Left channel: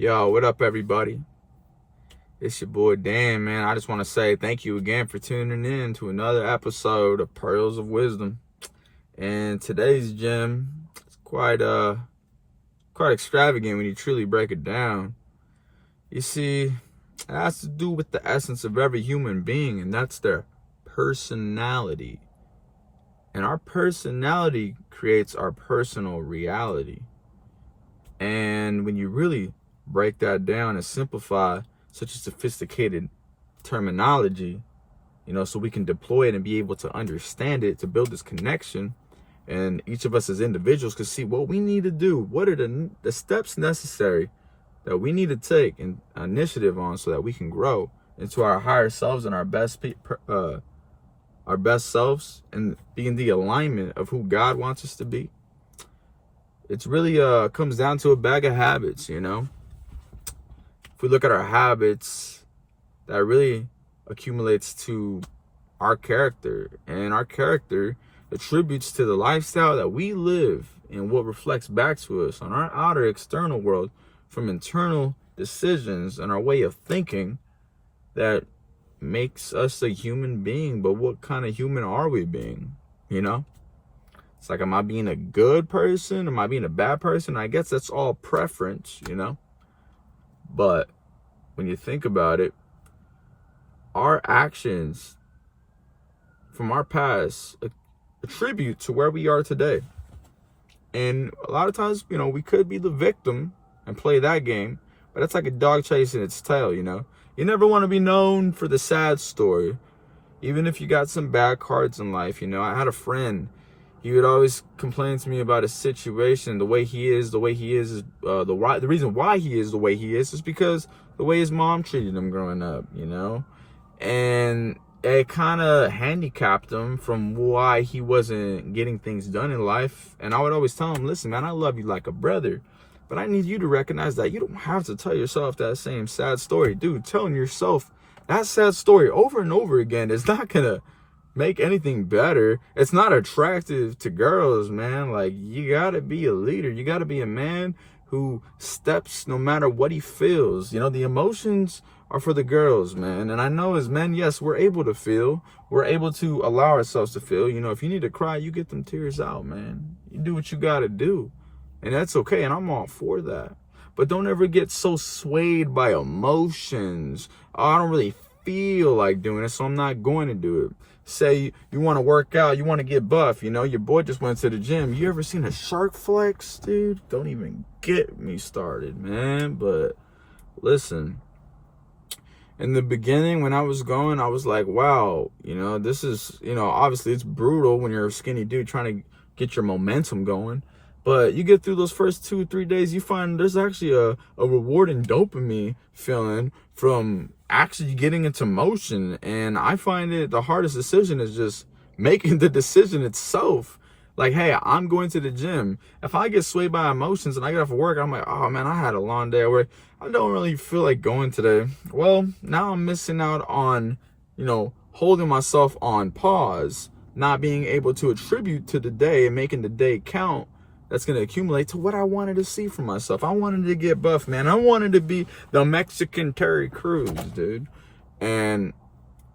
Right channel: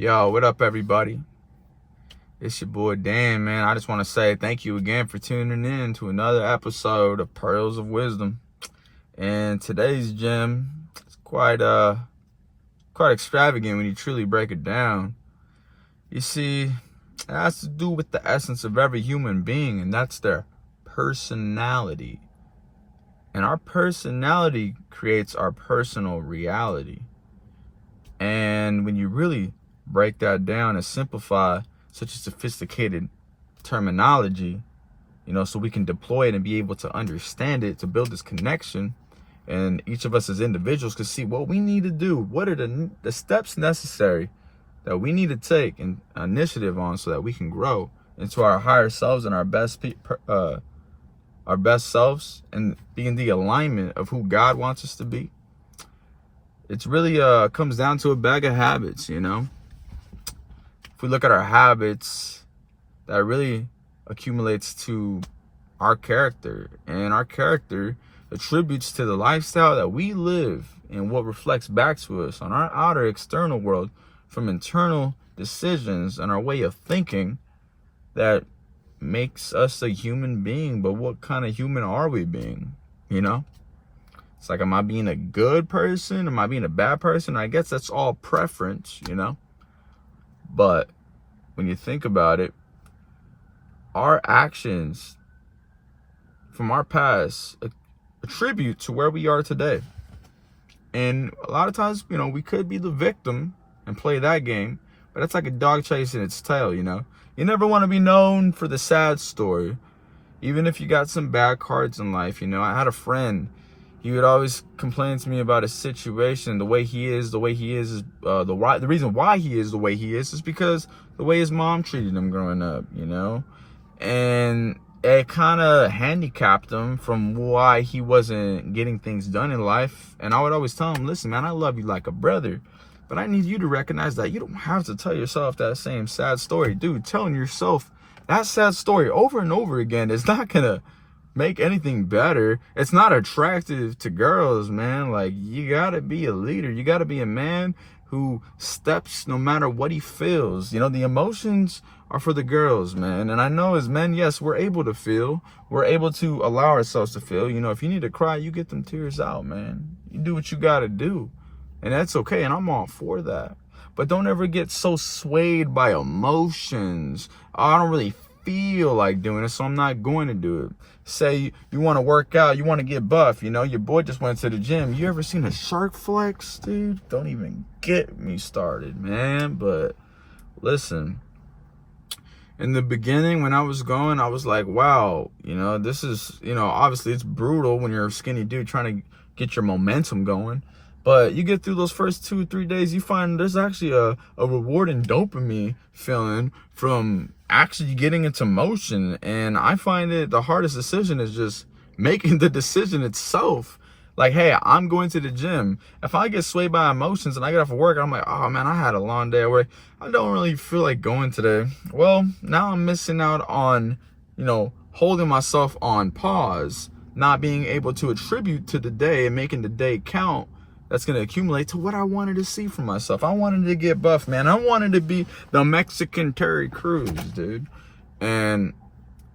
Yo, what up, everybody? It's your boy Dan, man. I just want to say thank you again for tuning in to another episode of Pearls of Wisdom. And today's gem is quite extravagant when you truly break it down. You see, it has to do with the essence of every human being, and that's their personality. And our personality creates our personal reality. And when you really break that down and simplify such a sophisticated terminology, so we can deploy it and be able to understand it, to build this connection, and each of us as individuals can see what we need to do, what are the steps necessary that we need to take an initiative on so that we can grow into our higher selves and our best selves and be in the alignment of who God wants us to be. It's really comes down to a bag of habits, If we look at our habits, that really accumulates to our character, and our character attributes to the lifestyle that we live and what reflects back to us on our outer external world from internal decisions and our way of thinking that makes us a human being. But what kind of human are we being? It's like, am I being a good person? Am I being a bad person? I guess that's all preference, But when you think about it, our actions from our past attribute to where we are today. And a lot of times, we could be the victim and play that game, but it's like a dog chasing its tail, You never want to be known for the sad story, even if you got some bad cards in life. I had a friend. He would always complain to me about a situation, the way he is, the reason why he is the way he is because the way his mom treated him growing up, and it kind of handicapped him from why he wasn't getting things done in life. And I would always tell him, listen, man, I love you like a brother, but I need you to recognize that you don't have to tell yourself that same sad story. Dude, telling yourself that sad story over and over again is not gonna make anything better. It's not attractive to girls, man. Like, you gotta be a leader. You gotta be a man who steps no matter what he feels. The emotions are for the girls, man. And I know as men, yes, we're able to feel. We're able to allow ourselves to feel. If you need to cry, you get them tears out, man. You do what you gotta do. And that's okay. And I'm all for that. But don't ever get so swayed by emotions. Oh, I don't really feel like doing it, so I'm not going to do it. Say you want to work out, you want to get buff, your boy just went to the gym. You ever seen a shark flex, dude? Don't even get me started, man. But listen, in the beginning when I was going, I was like, wow, this is, obviously it's brutal when you're a skinny dude trying to get your momentum going. But you get through those first 2 or 3 days, you find there's actually a rewarding dopamine feeling from actually getting into motion. And I find it the hardest decision is just making the decision itself. Like, hey, I'm going to the gym. If I get swayed by emotions and I get off of work, I'm like, oh man, I had a long day where I don't really feel like going today. Well, now I'm missing out on, holding myself on pause, not being able to attribute to the day and making the day count. That's going to accumulate to what I wanted to see from myself. I wanted to get buff, man. I wanted to be the Mexican Terry Crews, dude. And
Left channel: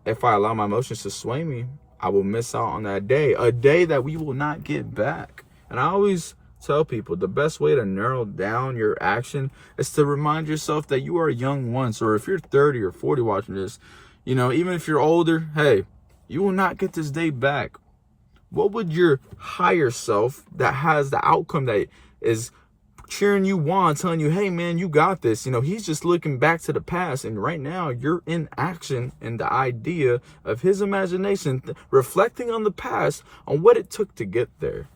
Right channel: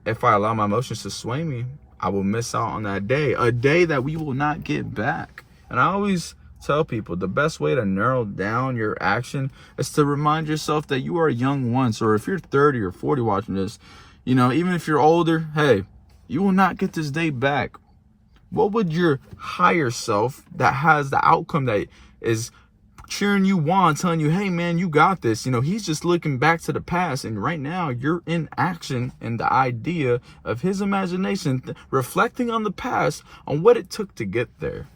if I allow my emotions to sway me, I will miss out on that day, a day that we will not get back. And I always tell people the best way to narrow down your action is to remind yourself that you are young once. Or if you're 30 or 40 watching this, even if you're older, hey, you will not get this day back. What would your higher self that has the outcome that is cheering you on, telling you, hey, man, you got this. He's just looking back to the past. And right now you're in action and the idea of his imagination, reflecting on the past, on what it took to get there.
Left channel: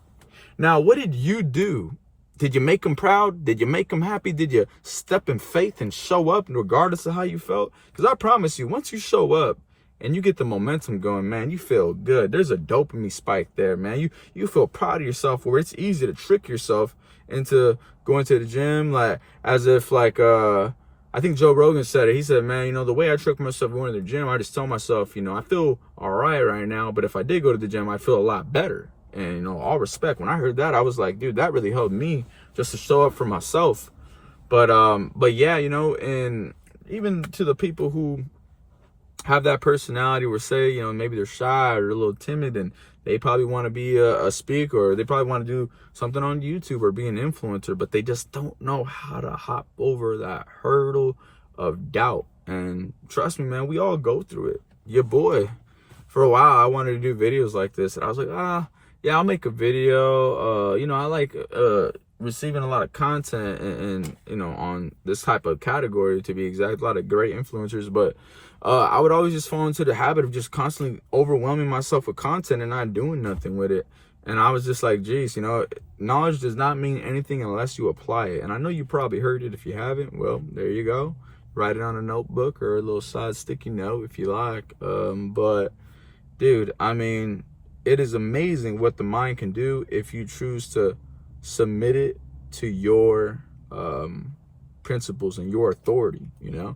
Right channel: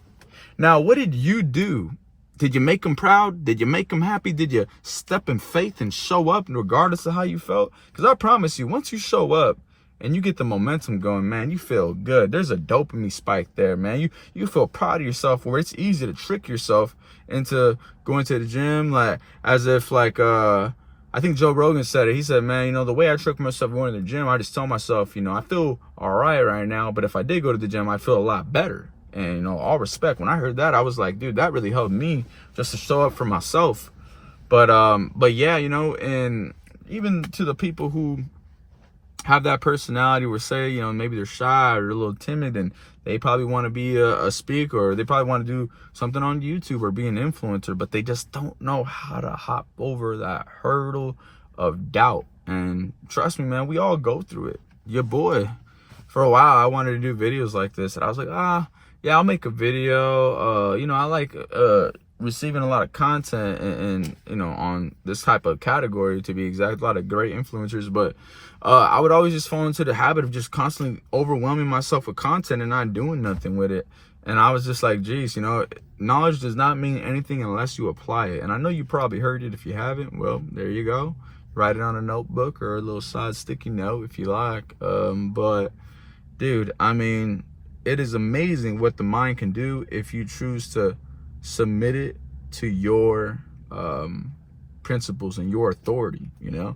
Now, what did you do? Did you make him proud? Did you make him happy? Did you step in faith and show up regardless of how you felt? Because I promise you, once you show up, and you get the momentum going, man, you feel good. There's a dopamine spike there, man. You feel proud of yourself, where it's easy to trick yourself into going to the gym, as if I think Joe Rogan said it. He said, man, the way I trick myself going to the gym, I just tell myself, I feel all right now, but if I did go to the gym, I feel a lot better. And all respect, when I heard that, I was like, dude, that really helped me just to show up for myself. But yeah, you know, and even to the people who have that personality where, say, you know, maybe they're shy or a little timid, and they probably want to be a speaker, or they probably want to do something on YouTube or be an influencer, but they just don't know how to hop over that hurdle of doubt. And trust me, man, we all go through it. Your boy, for a while, I wanted to do videos like this, and I was like, yeah, I'll make a video. You know, I like receiving a lot of content and you know, on this type of category, to be exact, a lot of great influencers, but I would always just fall into the habit of just constantly overwhelming myself with content and not doing nothing with it. And I was just like, geez, you know, knowledge does not mean anything unless you apply it. And I know you probably heard it. If you haven't, well, there you go. Write it on a notebook or a little side sticky note if you like. But dude, I mean, it is amazing what the mind can do if you choose to submit it to your principles and your authority, you know.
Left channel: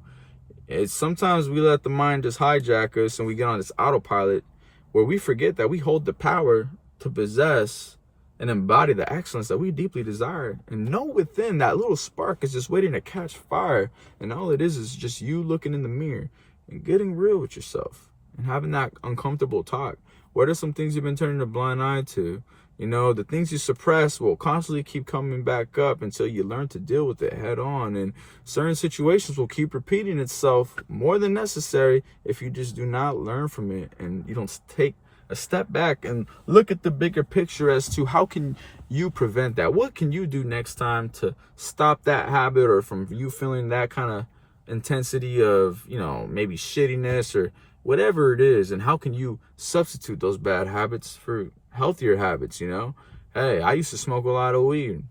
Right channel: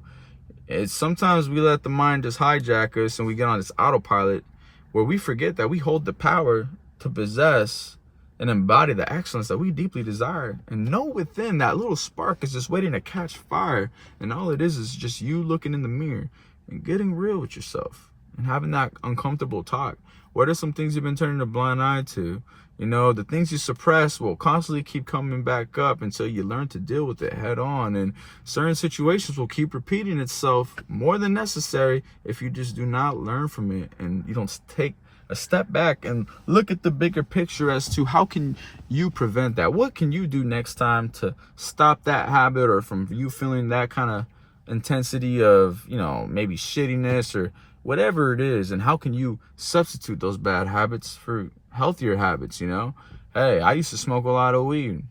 It's sometimes we let the mind just hijack us, and we get on this autopilot where we forget that we hold the power to possess and embody the excellence that we deeply desire, and know within that little spark is just waiting to catch fire. And all it is just you looking in the mirror and getting real with yourself and having that uncomfortable talk. What are some things you've been turning a blind eye to? You know, the things you suppress will constantly keep coming back up until you learn to deal with it head on. And certain situations will keep repeating itself more than necessary if you just do not learn from it and you don't take a step back and look at the bigger picture as to how can you prevent that? What can you do next time to stop that habit, or from you feeling that kind of intensity of, you know, maybe shittiness or whatever it is, and how can you substitute those bad habits for healthier habits, you know? Hey, I used to smoke a lot of weed.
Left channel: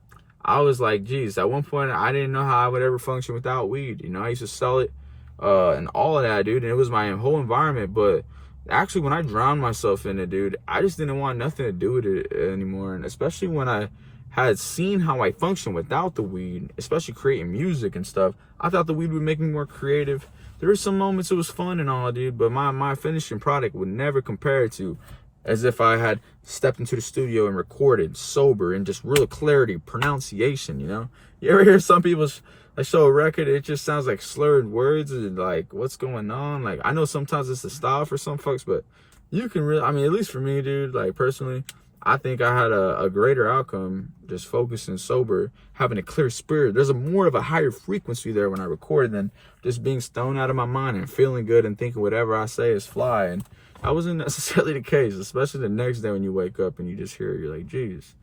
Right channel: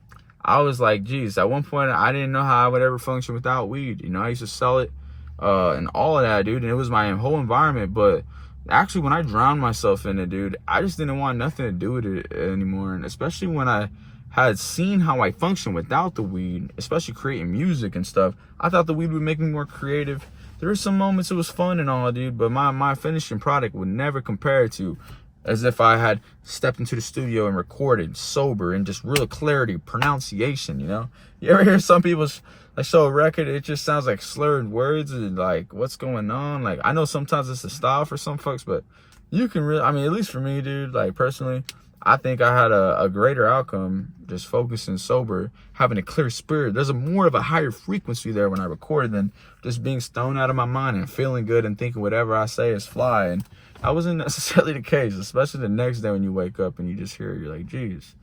I was like, geez, at one point I didn't know how I would ever function without weed. You know, I used to sell it and all of that, dude, and it was my whole environment. But actually, when I drowned myself in it, dude, I just didn't want nothing to do with it anymore. And especially when I had seen how I functioned without the weed, especially creating music and stuff, I thought the weed would make me more creative. There were some moments it was fun and all, dude, but my finishing product would never compare to as if I had stepped into the studio and recorded sober and just real clarity, pronunciation, you know? You ever hear some people like show a record, it just sounds like slurred words and like, what's going on? Like, I know sometimes it's a style for some folks, but you can really, I mean, at least for me, dude, like personally, I think I had a greater outcome just focusing sober, having a clear spirit. There's more of a higher frequency there when I record than just being stoned out of my mind and feeling good and thinking whatever I say is fly. And that wasn't necessarily the case, especially the next day when you wake up and you just hear it, you're like, geez.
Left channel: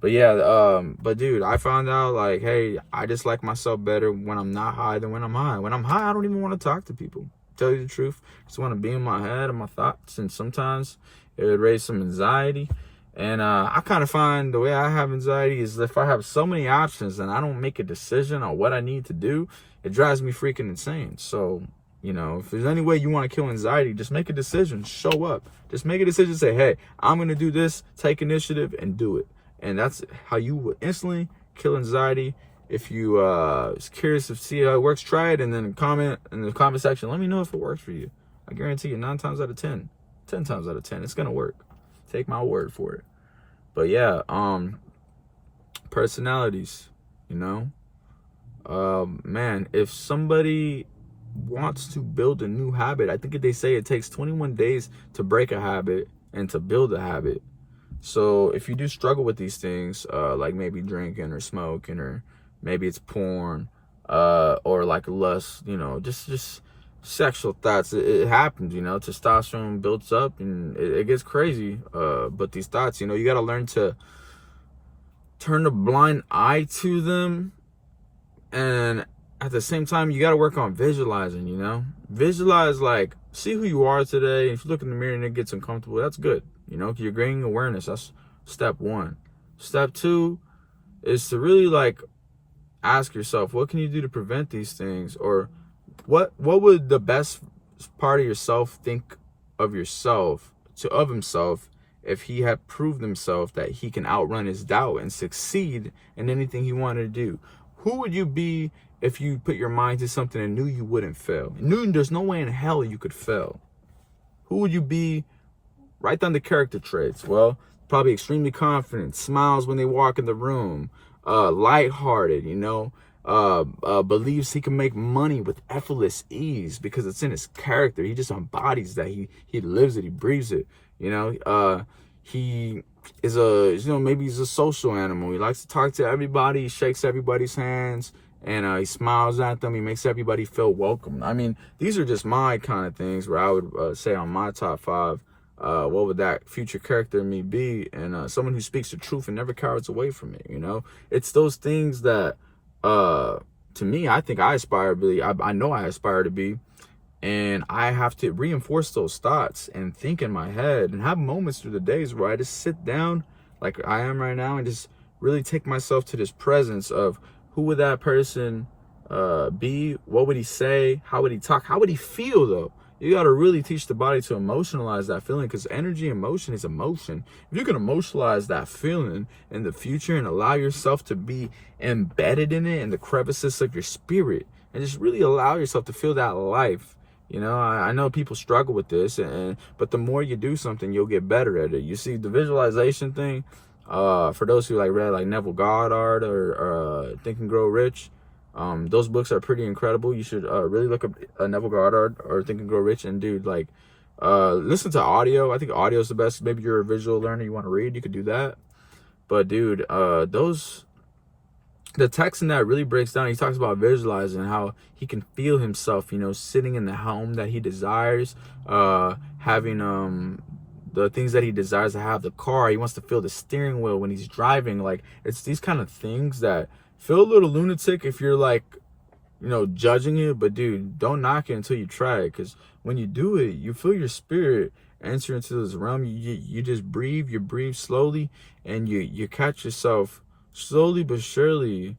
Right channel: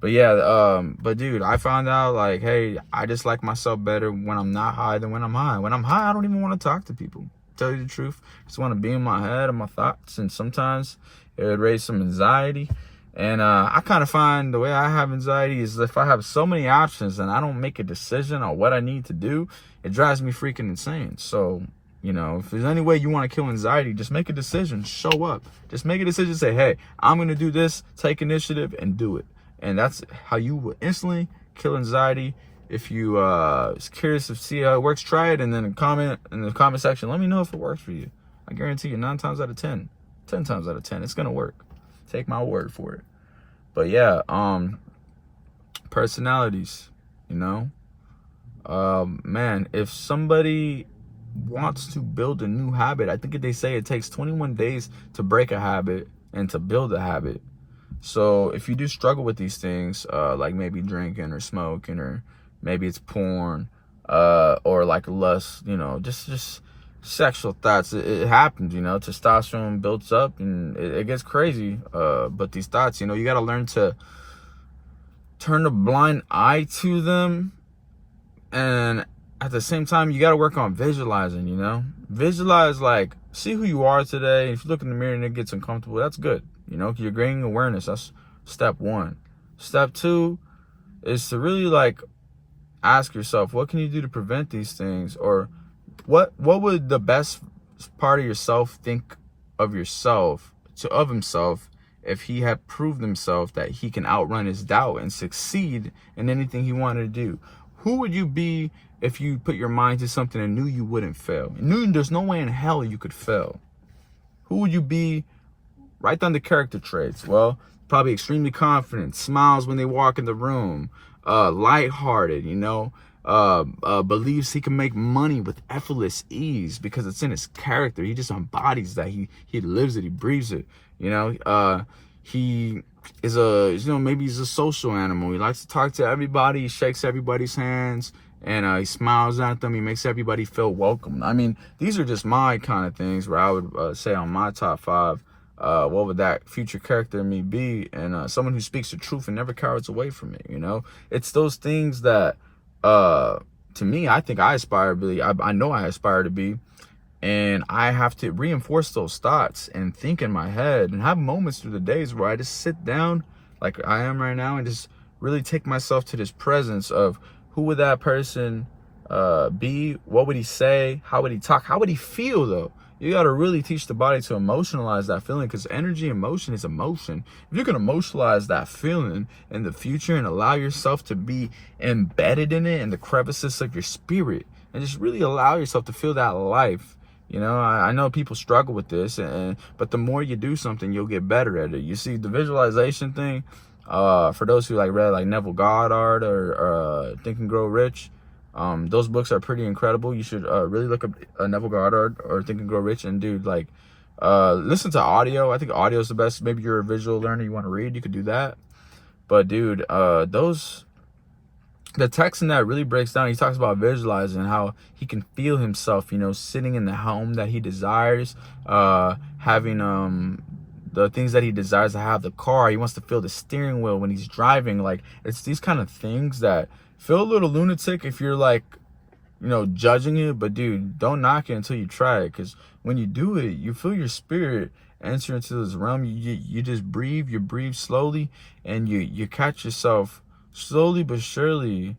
But yeah, but dude, I found out like, hey, I just like myself better when I'm not high than when I'm high. When I'm high, I don't even want to talk to people. Tell you the truth, I just want to be in my head and my thoughts, and sometimes it would raise some anxiety. And I kind of find the way I have anxiety is if I have so many options and I don't make a decision on what I need to do, it drives me freaking insane. So, you know, if there's any way you want to kill anxiety, just make a decision, show up. Just make a decision, say, hey, I'm going to do this, take initiative and do it. And that's how you will instantly kill anxiety. If you is curious to see how it works, try it, and then comment in the comment section. Let me know if it works for you. I guarantee you 9 times out of 10, 10 times out of 10, it's going to work. Take my word for it. But yeah, personalities, you know, man, if somebody wants to build a new habit, I think they say it takes 21 days to break a habit and to build a habit. So if you do struggle with these things, like maybe drinking or smoking, or maybe it's porn, or like lust, you know, just sexual thoughts, it happens, you know, testosterone builds up and it gets crazy. But these thoughts, you know, you got to learn to turn a blind eye to them. And at the same time, you got to work on visualizing, you know, visualize, like, see who you are today. If you look in the mirror and it gets uncomfortable, that's good. You know, you're gaining awareness. That's step 1. Step 2 is to really like ask yourself, what can you do to prevent these things? Or what would the best part of yourself think of yourself, of himself, if he had proved himself that he can outrun his doubt and succeed in anything he wanted to do? Who would you be if you put your mind to something and knew you wouldn't fail? Knew there's no way in hell you could fail. Who would you be? Write down the character traits. Well, probably extremely confident, smiles when they walk in the room, lighthearted, you know, believes he can make money with effortless ease because it's in his character. He just embodies that. He lives it. He breathes it. You know, he is maybe he's a social animal. He likes to talk to everybody. He shakes everybody's hands, and he smiles at them. He makes everybody feel welcome. I mean, these are just my kind of things where I would say on my top 5, what would that future character in me be? And someone who speaks the truth and never cowards away from it. You know, it's those things that to me, I think I aspire to be. I know I aspire to be. And I have to reinforce those thoughts and think in my head and have moments through the days where I just sit down like I am right now and just really take myself to this presence of who would that person be? What would he say? How would he talk? How would he feel though? You got to really teach the body to emotionalize that feeling, because energy and motion is emotion. If you can emotionalize that feeling in the future and allow yourself to be embedded in it, in the crevices of your spirit, and just really allow yourself to feel that life. You know, I know people struggle with this, but the more you do something, you'll get better at it. You see, the visualization thing, for those who read like Neville Goddard or Think and Grow Rich, those books are pretty incredible. You should really look up Neville Goddard or Think and Grow Rich, and dude, listen to audio. I think audio is the best. Maybe you're a visual learner, you want to read, you could do that. But dude, the text in that really breaks down. He talks about visualizing how he can feel himself, you know, sitting in the home that he desires, having the things that he desires to have, the car. He wants to feel the steering wheel when he's driving. Like, it's these kind of things that feel a little lunatic if you're judging it. But dude, don't knock it until you try it, because when you do it, you feel your spirit enter into this realm. You just breathe. You breathe slowly, and you catch yourself slowly but surely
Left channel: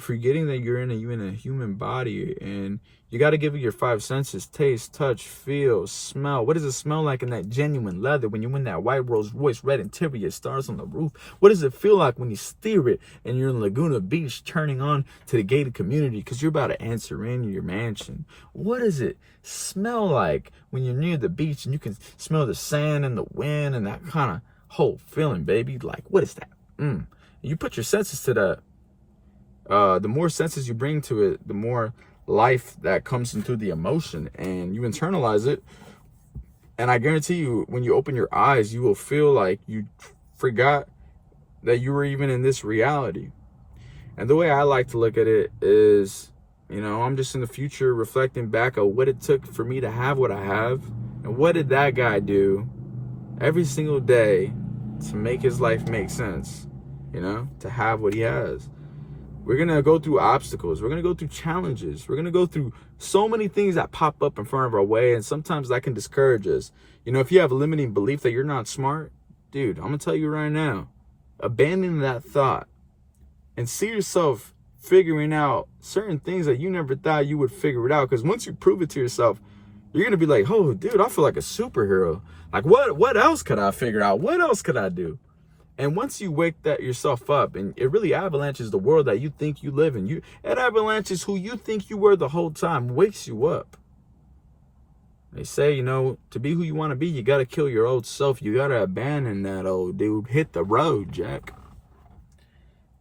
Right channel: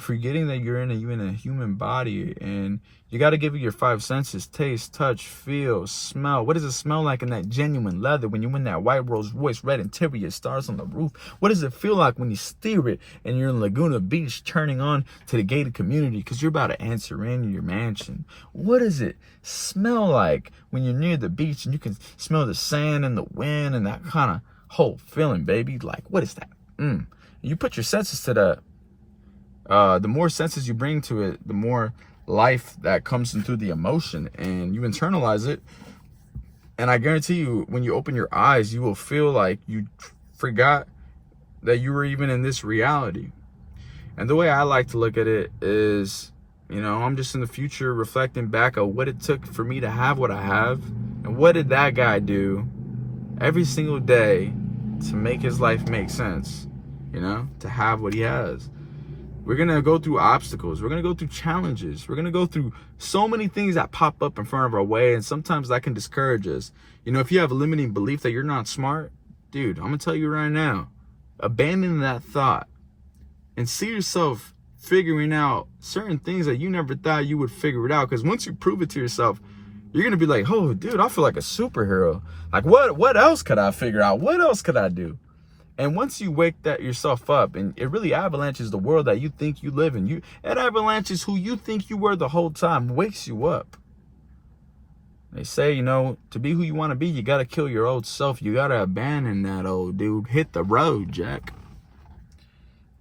forgetting that you're in a human body. And you got to give it your 5 senses: taste, touch, feel, smell. What does it smell like in that genuine leather when you're in that white Rolls Royce, red interior, stars on the roof? What does it feel like when you steer it and you're in Laguna Beach turning on to the gated community because you're about to enter in your mansion? What does it smell like when you're near the beach and you can smell the sand and the wind and that kind of whole feeling, baby? Like, what is that? You put your senses to that. The more senses you bring to it, the more life that comes into the emotion, and you internalize it. And I guarantee you, when you open your eyes, you will feel like you forgot that you were even in this reality. And the way I like to look at it is, you know, I'm just in the future reflecting back on what it took for me to have what I have, and what did that guy do every single day to make his life make sense, you know, to have what he has. We're going to go through obstacles. We're going to go through challenges. We're going to go through so many things that pop up in front of our way. And sometimes that can discourage us. You know, if you have a limiting belief that you're not smart, dude, I'm going to tell you right now, abandon that thought and see yourself figuring out certain things that you never thought you would figure it out. Because once you prove it to yourself, you're going to be like, oh, dude, I feel like a superhero. Like, what else could I figure out? What else could I do? And once you wake that yourself up, and it really avalanches the world that you think you live in, it avalanches who you think you were the whole time, wakes you up. They say, you know, to be who you want to be, you got to kill your old self. You got to abandon that old dude. Hit the road, Jack.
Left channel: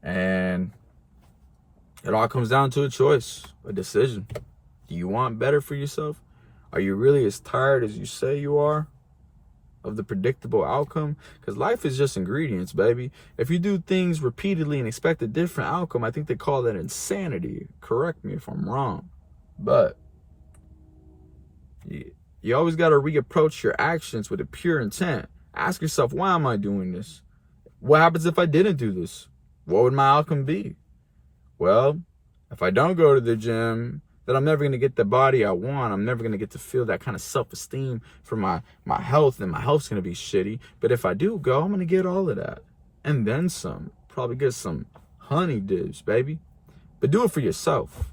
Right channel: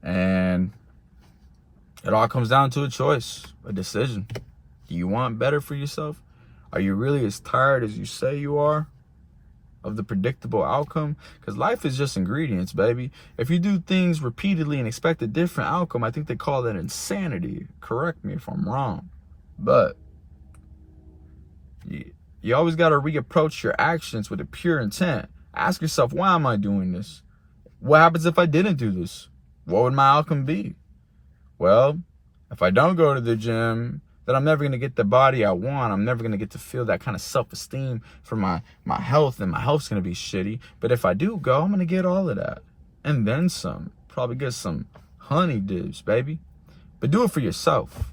And it all comes down to a choice, a decision. Do you want better for yourself? Are you really as tired as you say you are of the predictable outcome? Because life is just ingredients, baby. If you do things repeatedly and expect a different outcome, I think they call that insanity. Correct me if I'm wrong. But you always got to reapproach your actions with a pure intent. Ask yourself, why am I doing this? What happens if I didn't do this? What would my outcome be? Well, if I don't go to the gym, that I'm never going to get the body I want. I'm never going to get to feel that kind of self-esteem for my health, and my health's going to be shitty. But if I do go, I'm going to get all of that. And then some. Probably get some honey dips, baby. But do it for yourself.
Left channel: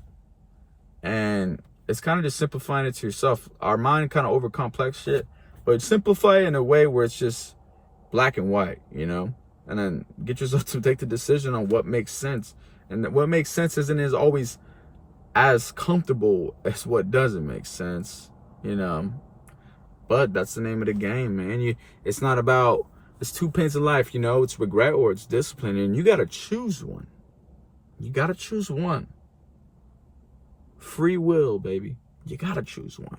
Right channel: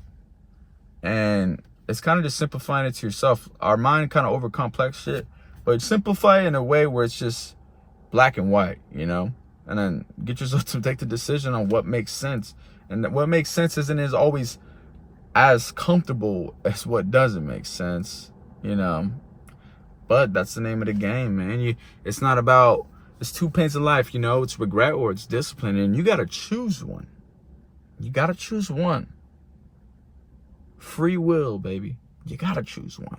And it's kind of just simplifying it to yourself. Our mind kind of overcomplex shit. But simplify it in a way where it's just black and white, you know? And then get yourself to take the decision on what makes sense. And what makes sense isn't always as comfortable as what doesn't make sense, you know. But that's the name of the game, man. It's not about, it's 2 pains in life, you know. It's regret or it's discipline, and you got to choose one. You got to choose one. Free will, baby. You gotta choose one.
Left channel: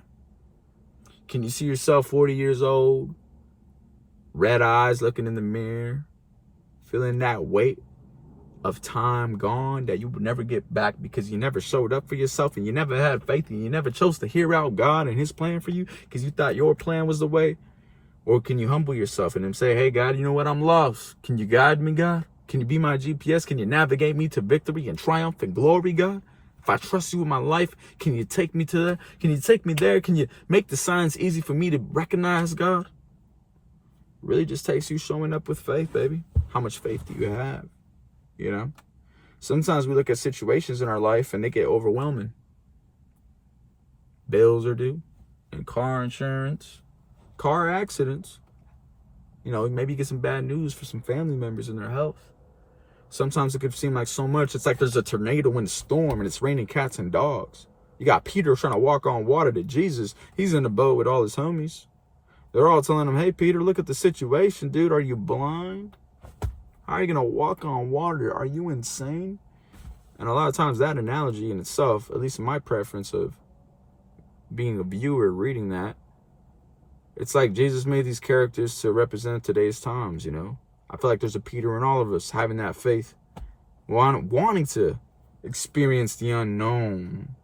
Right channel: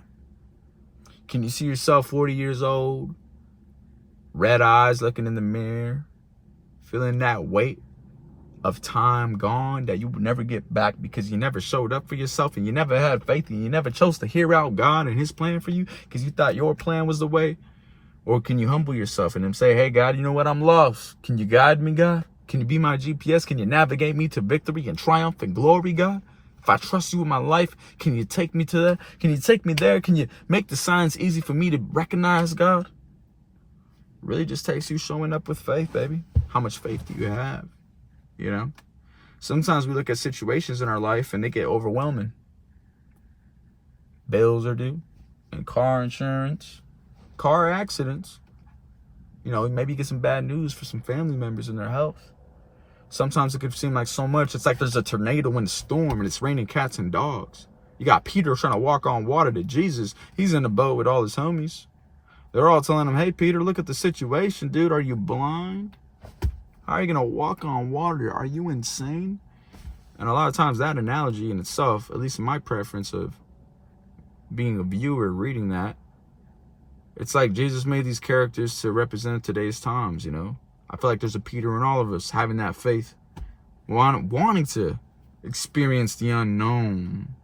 Can you see yourself 40 years old, red eyes, looking in the mirror, feeling that weight of time gone that you would never get back because you never showed up for yourself and you never had faith and you never chose to hear out God and his plan for you because you thought your plan was the way? Or can you humble yourself and say, hey, God, you know what? I'm lost. Can you guide me, God? Can you be my GPS? Can you navigate me to victory and triumph and glory, God? If I trust you with my life, can you take me to that? Can you take me there? Can you make the signs easy for me to recognize, God? Really just takes you showing up with faith, baby. How much faith do you have? You know, sometimes we look at situations in our life and they get overwhelming. Bills are due, and car insurance, car accidents. You know, maybe you get some bad news for some family members in their health. Sometimes it could seem like so much. It's like there's a tornado in the storm and it's raining cats and dogs. You got Peter trying to walk on water to Jesus. He's in the boat with all his homies. They're all telling him, hey, Peter, look at the situation, dude. Are you blind? How are you going to walk on water? Are you insane? And a lot of times that analogy in itself, at least in my preference of being a viewer reading that, it's like Jesus made these characters to represent today's times, you know. I feel like there's a Peter in all of us having that faith, wanting to experience the unknown,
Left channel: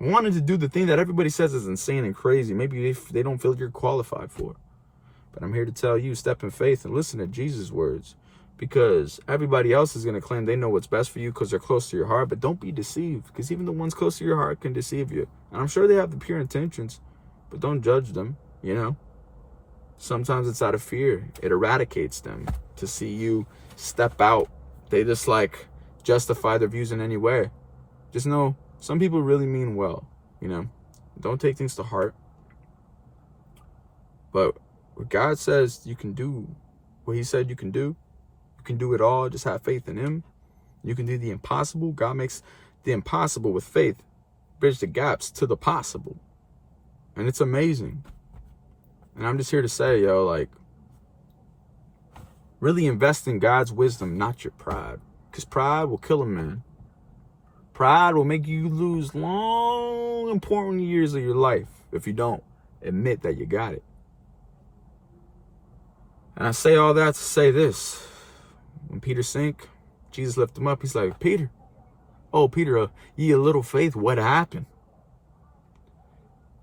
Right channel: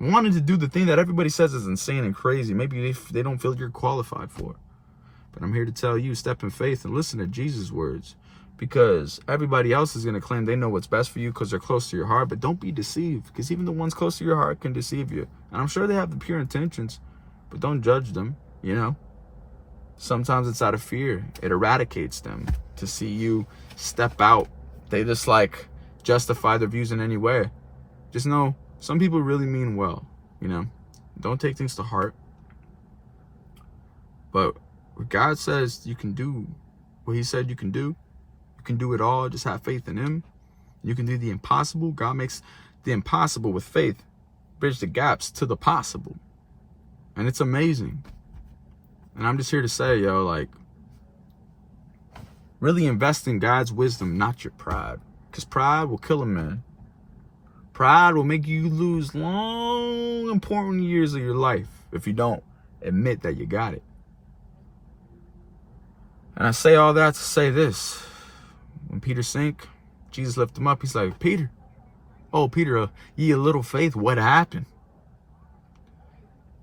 wanting to do the thing that everybody says is insane and crazy. Maybe they don't feel you're qualified for. But I'm here to tell you, step in faith and listen to Jesus' words. Because everybody else is going to claim they know what's best for you because they're close to your heart. But don't be deceived, because even the ones close to your heart can deceive you. And I'm sure they have the pure intentions, but don't judge them, you know. Sometimes it's out of fear. It eradicates them to see you step out. They just like justify their views in any way. Just know some people really mean well, you know. Don't take things to heart. But what God says you can do, what he said you can do it all. Just have faith in him. You can do the impossible. God makes the impossible with faith bridge the gaps to the possible. And it's amazing. And I'm just here to say, yo, like, really invest in God's wisdom, not your pride. Because pride will kill a man. Pride will make you lose long, important years of your life if you don't admit that you got it. And I say all that to say this. When Peter sank, Jesus lifted him up. He's like, Peter, oh, Peter, ye a little faith, what happened?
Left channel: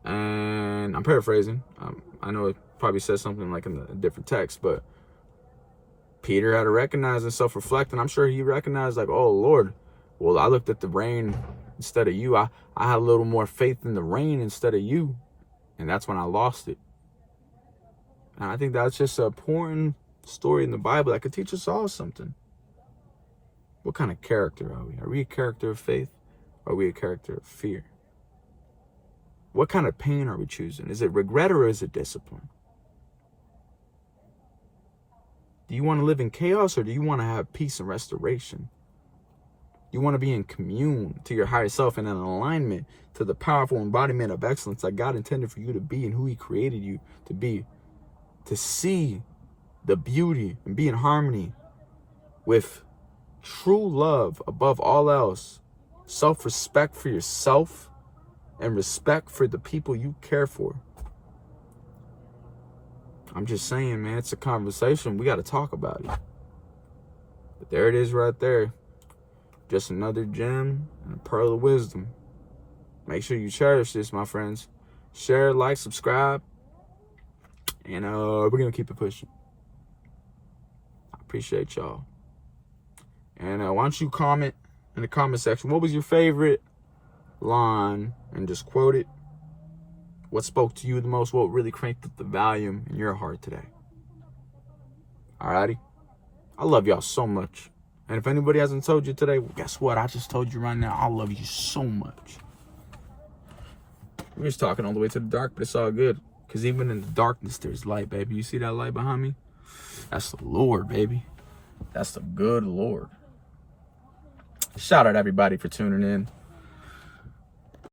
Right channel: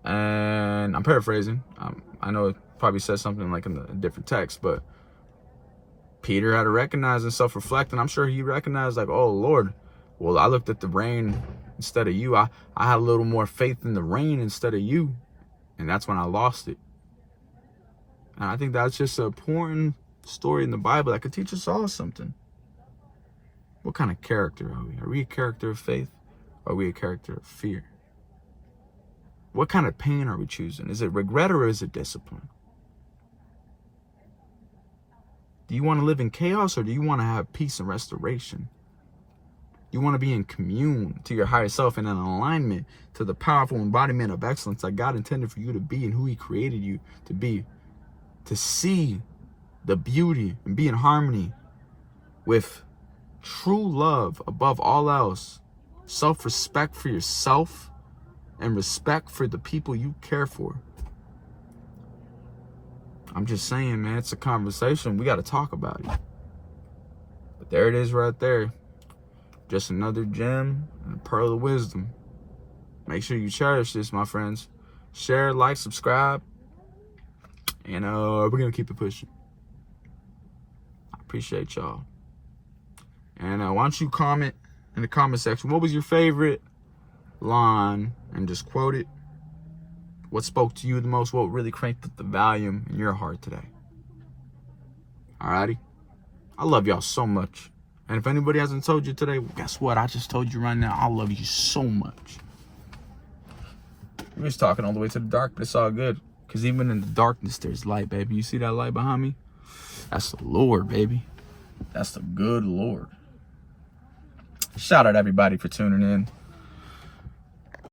And I'm paraphrasing. I know it probably says something like in a different text, but Peter had to recognize and self-reflect. And I'm sure he recognized, like, oh, Lord, well, I looked at the rain instead of you. I had a little more faith in the rain instead of you. And that's when I lost it. And I think that's just an important story in the Bible that could teach us all something. What kind of character are we? Are we a character of faith? Or are we a character of fear? What kind of pain are we choosing? Is it regret or is it discipline? Do you want to live in chaos or do you want to have peace and restoration? You want to be in commune to your higher self and in alignment to the powerful embodiment of excellence that God intended for you to be and who he created you to be. To see the beauty and be in harmony with true love above all else, self-respect for yourself, and respect for the people you care for. I'm just saying, man, it's a conversation. We got to talk about it. But there it is right there. Just another gem and a pearl of wisdom. Make sure you cherish this, my friends. Share, like, subscribe. And we're going to keep it pushing. I appreciate y'all. And why don't you comment in the comment section. What was your favorite line? And just quote it. What spoke to you the most? What really cranked up the volume in your heart today? Alrighty. I love y'all so much. And if anybody hasn't told you today, well, guess what? I just told you right now. I love you so much. We're just talking all the way to the dark, but it's all good. Because even in the darkness, there's light, baby. You see that light behind me? That's the Lord, baby. That's the good Lord. Shout out everybody for tuning in.